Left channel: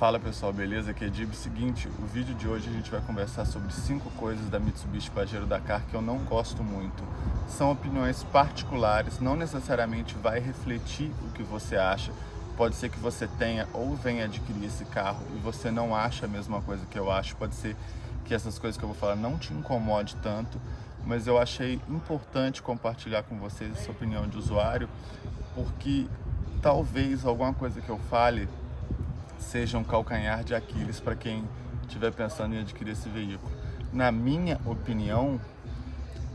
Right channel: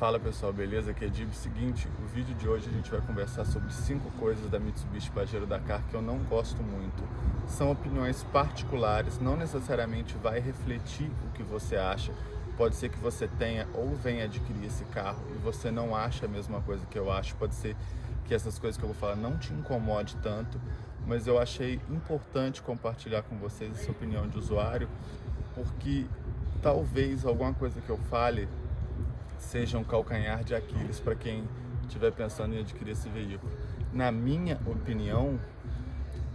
Fala pessoal, beleza? Aqui é Dib. Seguinte, o vídeo de hoje a gente vai conversar sobre 5 coisas da Mitsubishi Pajero Dakar que eu não gosto muito. São opiniões particulares, não necessariamente vai refletir o que você acha. Pode ser que você tenha ou venha adquirir esse carro e você não acha a mesma coisa que eu acho. Pode ser que essas coisas que eu vou falar não te incomode tanto, mas eu achei importante compartilhar com vocês essa opinião de usuário, porque talvez alguma coisa que eu fale seja um calcanhar de Aquiles para quem estiver pensando em adquirir esse veículo. Na minha opinião,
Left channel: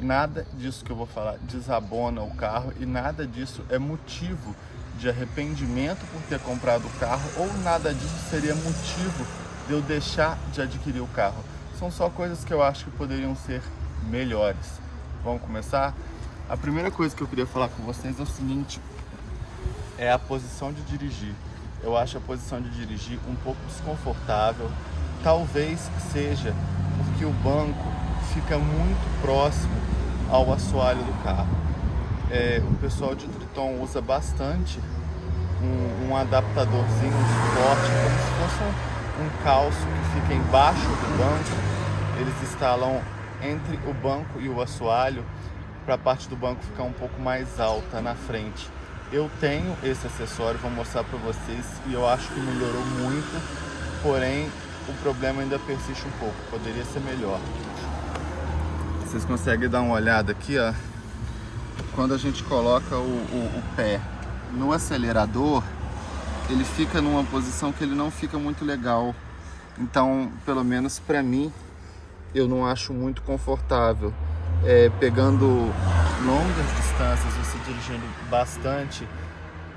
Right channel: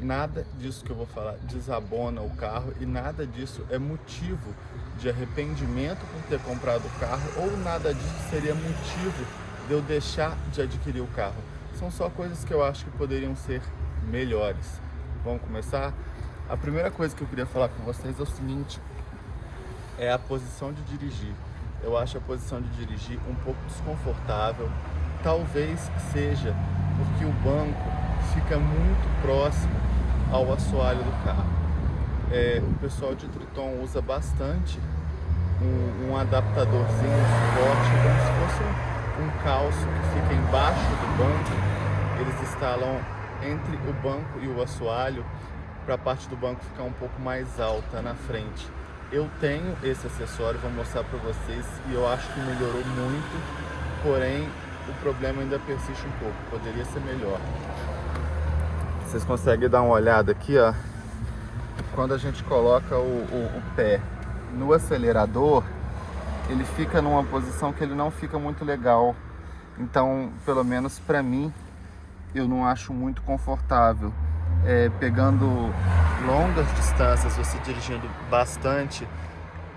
nada disso que eu vou falar desabona o carro e nada disso é motivo de arrependimento por ter comprado o carro, ou nada disso seria motivo de eu deixar de adquirir o carro. São só coisas que eu acho que poderiam ser melhores. Vamos começar? A primeira coisa que eu queria falar com vocês é o seguinte: é a posição de dirigir. Eu acho a posição de dirigir um pouco desconfortável. Talvez seja porque o banco fica muito próximo ao assoalho do carro. O pessoal de Triton usa bastante um adaptadorzinho, um suporte, como se fosse um calço que fica embaixo do banco. Eles instalam entre o banco e o assoalho para a parte do banco ficar um pouco mais alta na frente. Eu tenho esse acessório, vou mostrar para vocês, e eu acho que melhorou muito, porém o problema ainda persiste um pouco, poderia ser melhor. Vocês conseguem dar uma olhada aqui, ó. Quando a gente coloca o pé no acelerador, ele fica numa posição que ele não fica muito legal. Então, pelo menos para mim, eu não acho muito confortável. Pegando longas distâncias, você dirigindo bastante,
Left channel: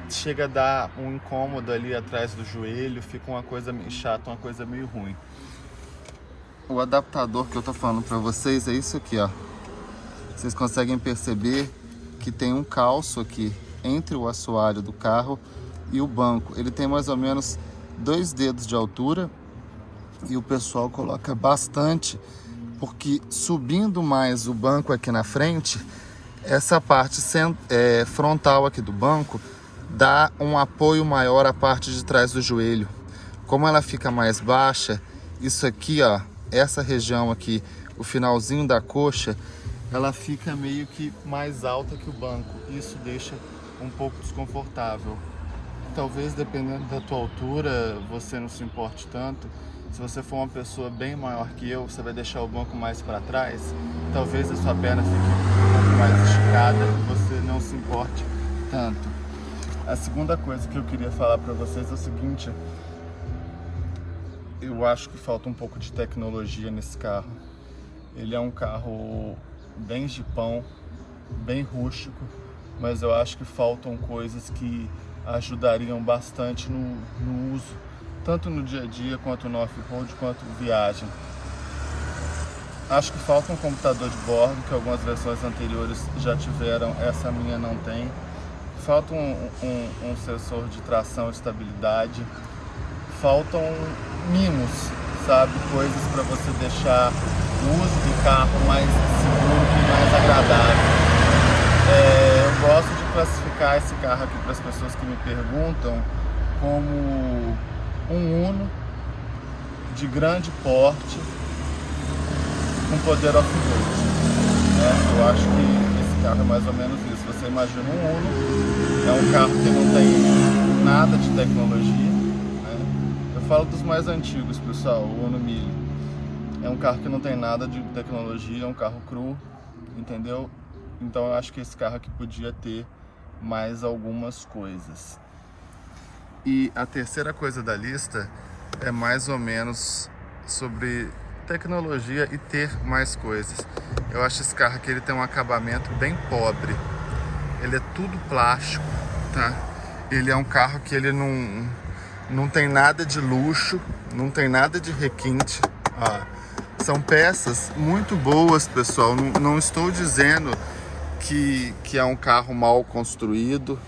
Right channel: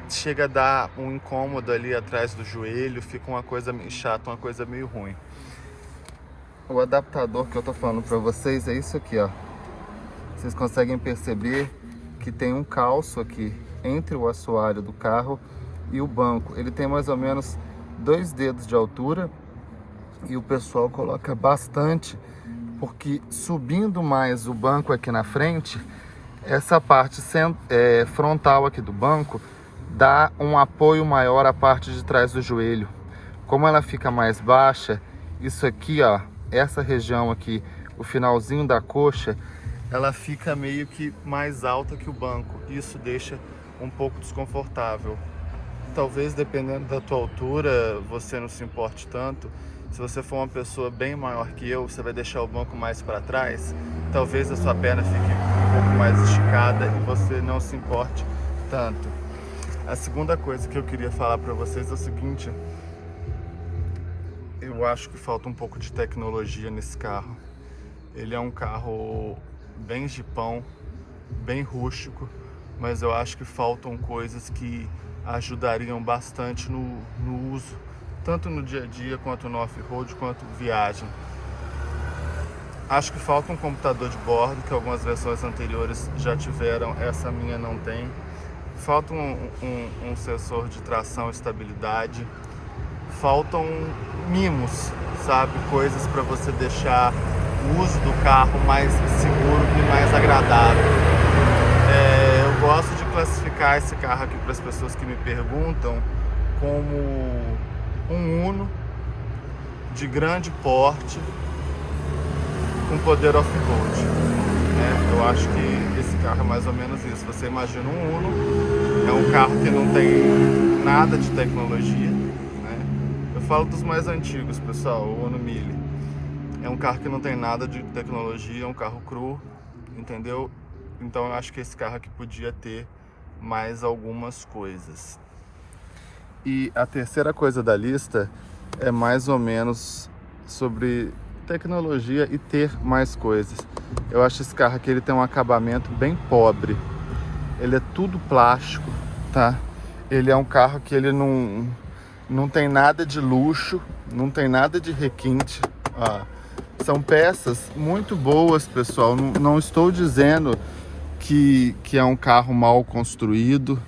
chega a dar um incômodo ali atrás do joelho, fica uma coisa meio chata, uma coisa meio ruim. O adaptador que eu tô falando para vocês é isso aqui, ó. Vocês conseguem perceber que tem um calço aqui entre o assoalho do carro e o banco. Ele tem mais ou menos 2 dedos de altura e o pessoal coloca bastante, porque subindo mais o banco aqui na frente, essa parte frontal aqui do banco dá um apoio maior à parte de trás do joelho. Como ela fica mais baixa, isso aqui, ó, essa região aqui, o finalzinho da coxa, ela fica meio que mais alta que o banco. Isso deixa um pouco desconfortável. Talvez, dependendo da tua altura, você não se importe tanto. Se você for uma pessoa bem maior que eu, você vai deixar o banco mais para trás, talvez a sua perna fique um pouco mais esticada e você não se importe tanto. A segunda coisa que eu queria falar para vocês é o seguinte: eu acho que falta um pouco de tecnologia nesse carro. Ele é um carro bem jipão, bem rústico, mas eu acho que faltam coisas que ajudariam bastante no uso, tanto no dia a dia, quanto no off-road, quanto viagem. Acho que falta um computador de bordo, que algumas versões anteriores já tiveram, essa minha não tem. Falta um sensor de tração e estabilidade. Faltam mimos, sabe? Coisas para você deixar o uso do carro mais seguro e mais agradável. Eu gosto de classificar esse carro aqui para as pessoas que me perguntam como um Uno de grande porte com poder off-road, né? Eu acho que esse carro é mais ou menos isso. Você imagina um Uno, é um carro que não tem nada de tecnologia, né? Eu falo dos mais antigos, pessoal, o Uno Mille. É um carro que não tem nada de tecnologia, é um carro cru, entendeu? Então eu acho que esse carro aqui podia ter mais algumas coisas. E a terceira coisa da lista é mais ou menos sobre tecnologia e ter mais coisas. Eu acho esse carro aqui, ele tem um acabamento bem pobre. Ele é tudo plástico, tá? Ele é um carro que ele não tem nada de luxo, não tem nada de requinte. São peças muito boas, pessoal. Não estou dizendo que é um carro mal construído,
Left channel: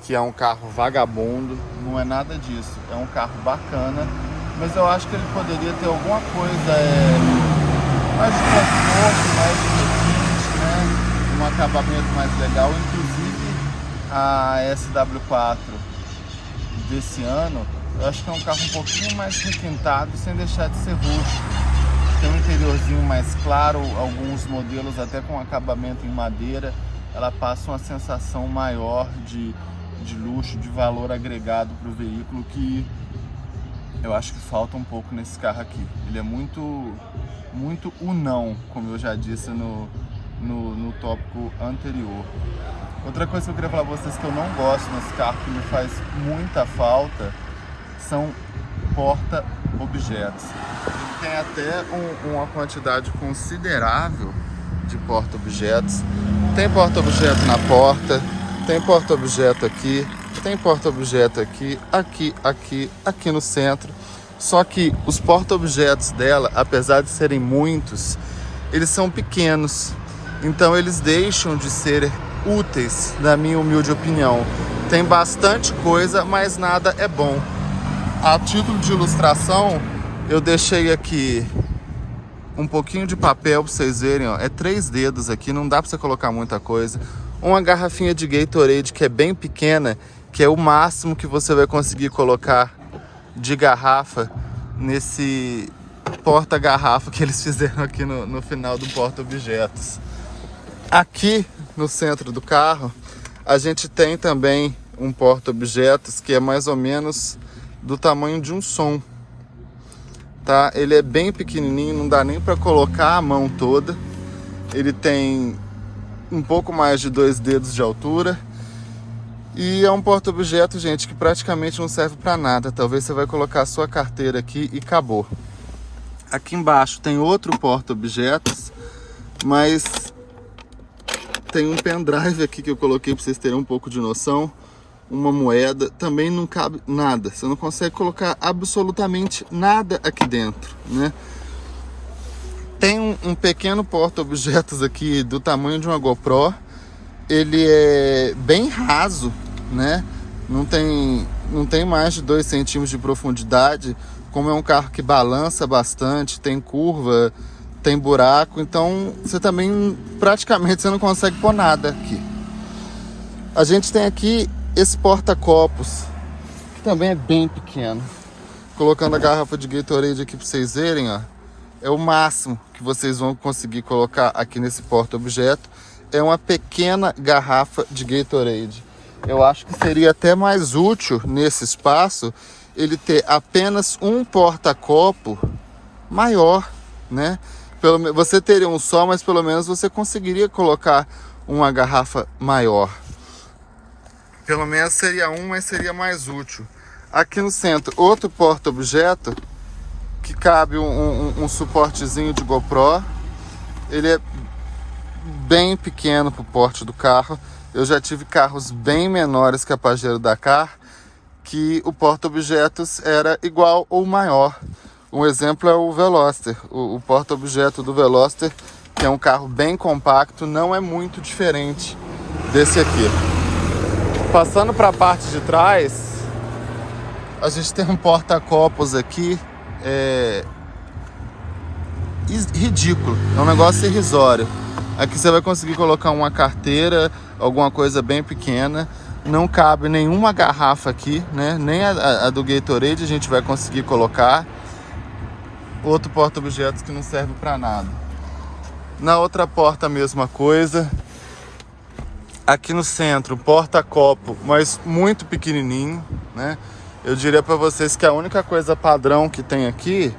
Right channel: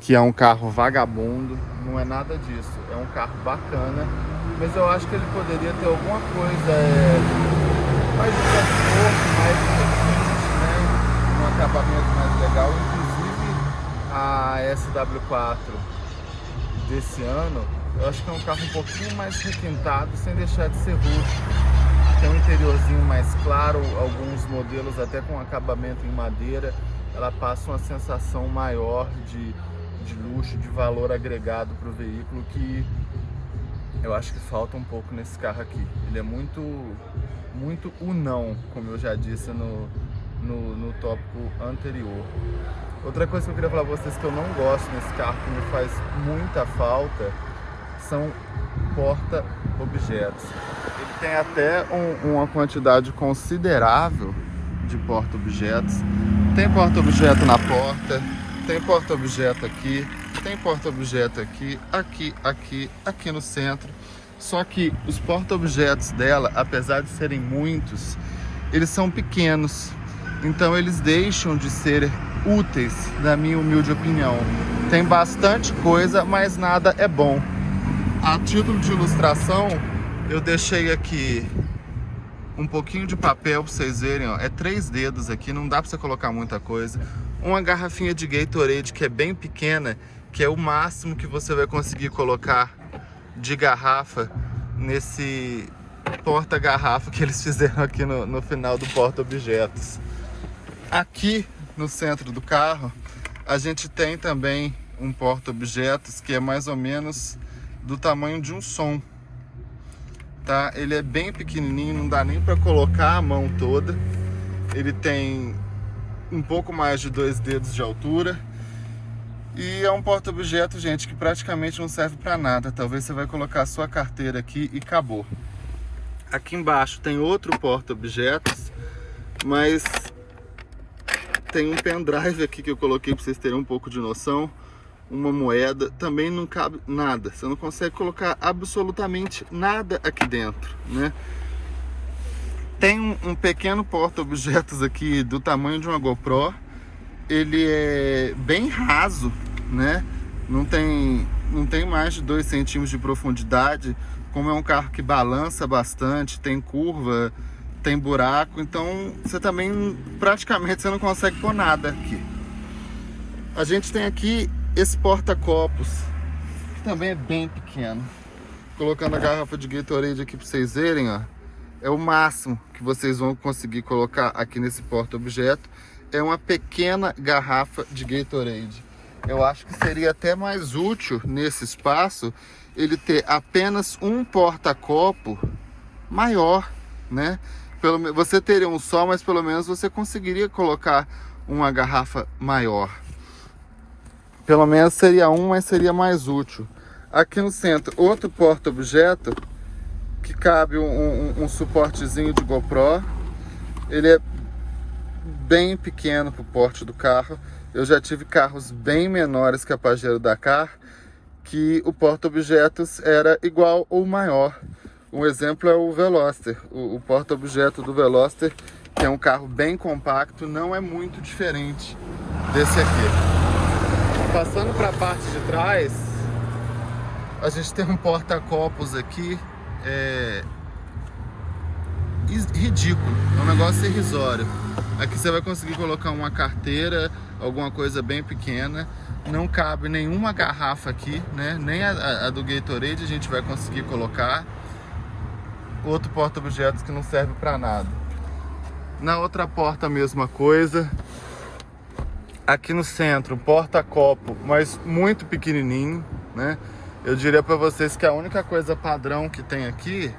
que é um carro vagabundo, não é nada disso. É um carro bacana, mas eu acho que ele poderia ter alguma coisa mais de conforto, mais de requinte, né? Um acabamento mais legal. Inclusive a SW4 desse ano, Eu acho que é um carro um pouquinho mais requintado, sem deixar de ser rústico. Tem um interiorzinho mais claro, alguns modelos até com acabamento em madeira. Ela passa uma sensação maior de luxo, de valor agregado para o veículo, que eu acho que falta um pouco nesse carro aqui. Ele é muito unão, como eu já disse no tópico anterior. Outra coisa que eu queria falar para vocês que eu não gosto nesse carro, que me faz muita falta, são porta-objetos. Ele tem até uma quantidade considerável de porta-objetos. Tem porta-objeto na porta, tem porta-objeto aqui, tem porta-objeto aqui, aqui no centro. Só que os porta-objetos dela, apesar de serem muitos, eles são pequenos. Então eles deixam de ser úteis, na minha humilde opinião. Tem bastante coisa, mas nada é bom. A título de ilustração, eu deixei aqui um pouquinho de papel para vocês verem, ó. É 3 dedos aqui, não dá para você colocar muita coisa. Uma garrafinha de Gatorade que é bem pequena, que é o máximo que você vai conseguir colocar de garrafa nesse porta-garrafa que eles fizeram aqui no final do porta-objetos. Aqui no centro do carro, a gente tem também um porta-objetos que é mais ou menos do tamanho de um som, tá? Ele é bem pequenininho, não dá nem para colocar a mão toda. Ele tem um pouco mais de 2 dedos de altura e é um porta-objeto, gente, que praticamente não serve para nada. Talvez você vai colocar a sua carteira aqui e acabou. Aqui embaixo tem outro porta-objetos, mas tem um pendrive aqui que eu coloquei para vocês terem um pouco de noção. Uma moeda, também não cabe nada. Você não consegue colocar absolutamente nada aqui dentro, né? Tem um pequeno porta-objetos aqui do tamanho de uma GoPro. Ele é bem raso, né? Não tem mais de 2 centímetros de profundidade. Como é um carro que balança bastante, tem curva, tem buraco, então você também praticamente você não consegue pôr nada aqui. A gente tem aqui esse porta-copos, que também é bem pequeno. Colocando a garrafa de Gatorade aqui para vocês verem, ó, é o máximo que vocês vão conseguir colocar aqui nesse porta-objeto. É uma pequena garrafa de Gatorade. Eu acho que seria até mais útil nesse espaço ele ter apenas um porta-copo maior, né? Você teria um só, mas pelo menos você conseguiria colocar uma garrafa maior. Pelo menos seria mas seria mais útil. Aqui no centro, outro porta-objeto que cabe um suportezinho de GoPro. Ele é bem pequeno para o porte do carro. Eu já tive carros bem menores que a Pajero Dakar, que o porta-objetos era igual ou maior. Um exemplo é o Veloster. O porta-objeto do Veloster, que é um carro bem compacto, não é muito diferente desse aqui. Passando para a parte de trás, a gente tem um porta-copos aqui, ridículo, é um negócio irrisório. Aqui você vai conseguir colocar uma carteira, alguma coisa bem pequena. Não cabe nenhuma garrafa aqui, né? Nem a do Gatorade a gente vai conseguir colocar. Outro porta-objetos que não serve para nada. Na outra porta a mesma coisa. Aqui no centro, porta-copo, mas muito pequenininho, né? Eu diria para vocês que a única coisa padrão que tem aqui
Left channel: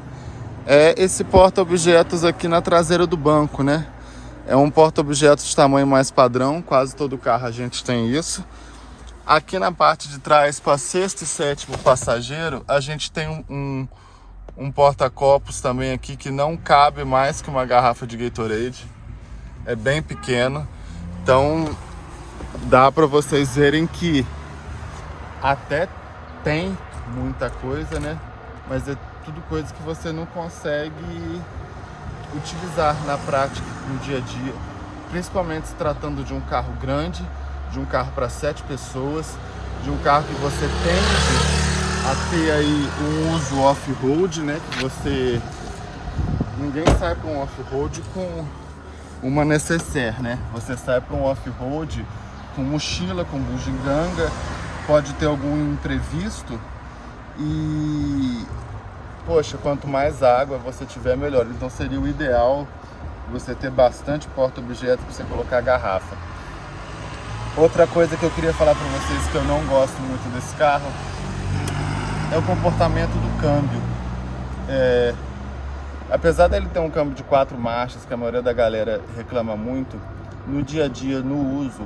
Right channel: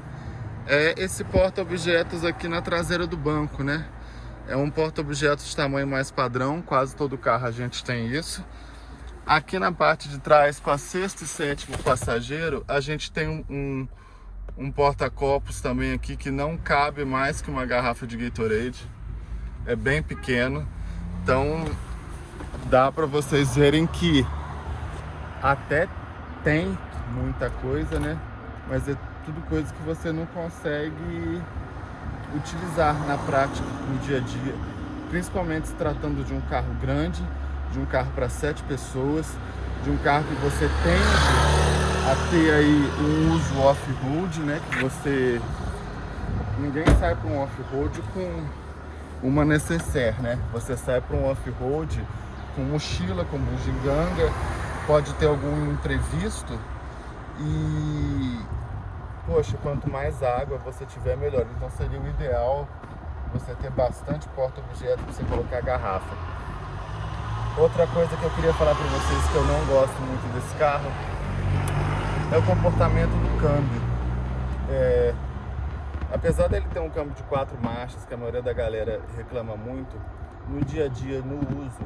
é esse porta-objetos aqui na traseira do banco, né? É um porta-objetos de tamanho mais padrão, quase todo carro a gente tem isso. Aqui na parte de trás, para 6º e 7º passageiro, a gente tem um porta-copos também aqui que não cabe mais que uma garrafa de Gatorade. É bem pequeno, então dá para vocês verem que até tem muita coisa, né? Mas é tudo coisa que você não consegue utilizar na prática, no dia a dia, principalmente se tratando de um carro grande, de um carro para 7 pessoas, de um carro que você tende a ter aí um uso off-road, né? Que ninguém sai para um off-road com uma necessaire, né? Você sai para um off-road com mochila, com bugiganga, pode ter algum imprevisto E, poxa, quanto mais água você tiver, melhor. Então seria o ideal você ter bastante porta-objeto para você colocar a garrafa. Outra coisa que eu queria falar para vocês que eu não gosto muito desse carro é o comportamento do câmbio. Apesar dele ter um câmbio de 4 marchas, que a maioria da galera reclama muito, no dia a dia, no uso,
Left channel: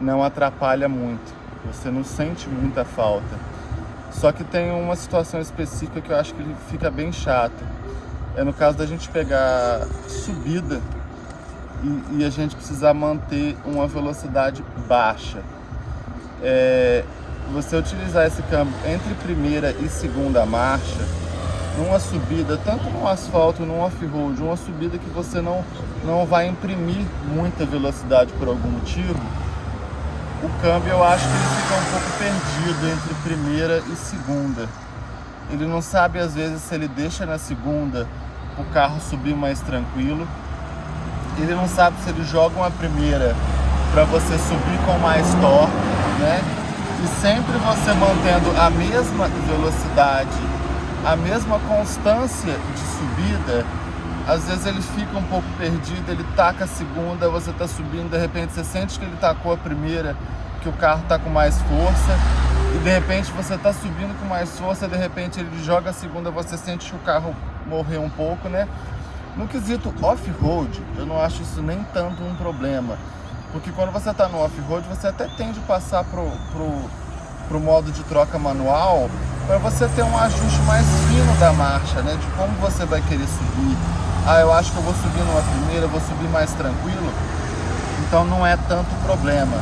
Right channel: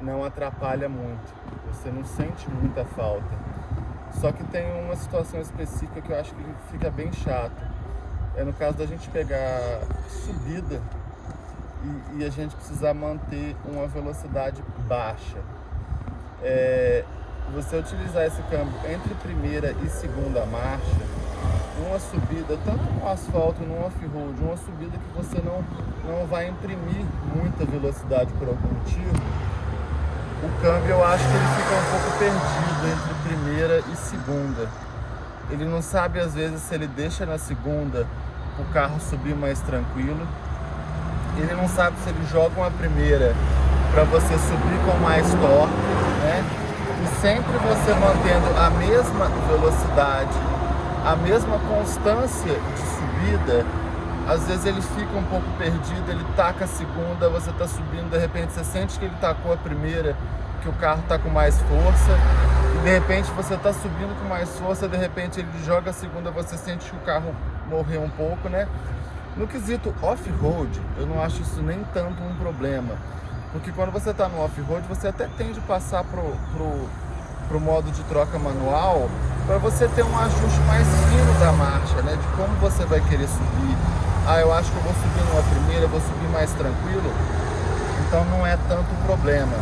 não atrapalha muito. Você não sente muita falta. Só que tem uma situação específica que eu acho que ele fica bem chato. É no caso da gente pegar subida e a gente precisar manter uma velocidade baixa. Você utilizar esse câmbio entre primeira e segunda marcha, numa subida, tanto no asfalto, no off-road, uma subida que você não vai imprimir muita velocidade por algum motivo, o câmbio eu acho que ele fica um pouco perdido entre primeira e segunda. Ele não sabe às vezes se ele deixa na segunda o carro subir mais tranquilo. Ele não sabe se ele joga uma primeira para você subir com mais torque, né? E sempre você mantendo a mesma velocidade, a mesma constância de subida, às vezes ele fica um pouco perdido, ele taca a segunda, você está subindo, de repente você sente que ele tacou a primeira, que o carro está com mais força, e de repente você está subindo com mais força, de repente ele joga a segunda, você sente que o carro morreu um pouco, né? No quesito off-road, eu não acho isso nem tanto um problema, porque quando você está no off-road, você até tende a passar pro modo de troca manual, para você ter um ajuste mais fino da marcha, né? De como você vai querer subir. Eu acho que eu vou subir numa primeira, eu vou subir mais tranquilo, então não é tanto problema.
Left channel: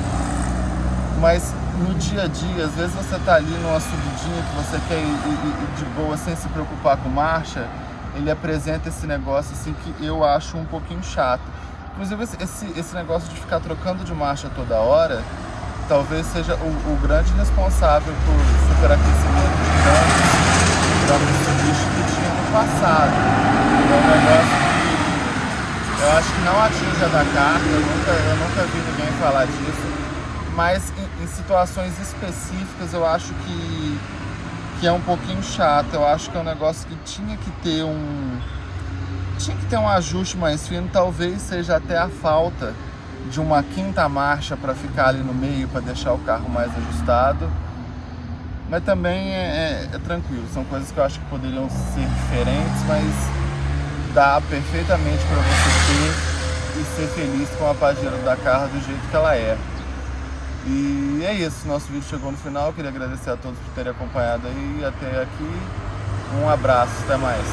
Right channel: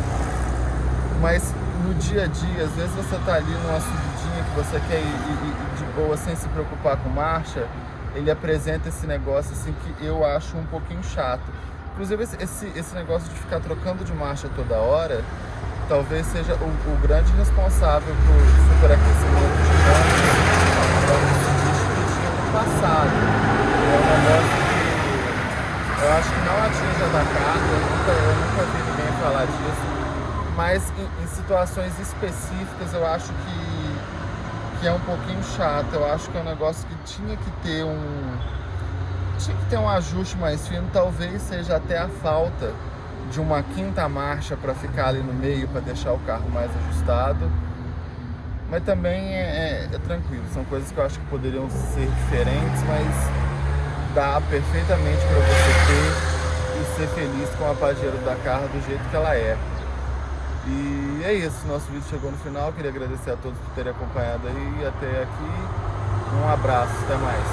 Mas no dia a dia, às vezes você tá ali numa subidinha que você quer ir de boa, sem se preocupar com marcha, ele apresenta esse negócio assim que eu acho um pouquinho chato. Inclusive esse negócio de ficar trocando de marcha toda hora, talvez seja o grande responsável por superaquecimento de câmbio da Mitsubishi que tinha no passado. É um negócio que eu acho que não atinge a Dakar, eu nunca vi ninguém falar disso, mas em situações específicas eu acho que é um pouquinho chato. Eu acho que é um negócio que tinha que ter um ajuste mais fino, talvez seja até a falta de uma quinta marcha para ficar ali no meio, para deixar o carro mais ajustado, mas também é tranquilo, são coisas que eu acho que poderiam ser diferentes, mas dá perfeitamente para você ter e ser feliz com a Pajero Dakar do jeito que ela é. E é isso, nosso vídeo chegou no final, queria agradecer a todos por terem acompanhado aí até aqui, um abraço, até mais.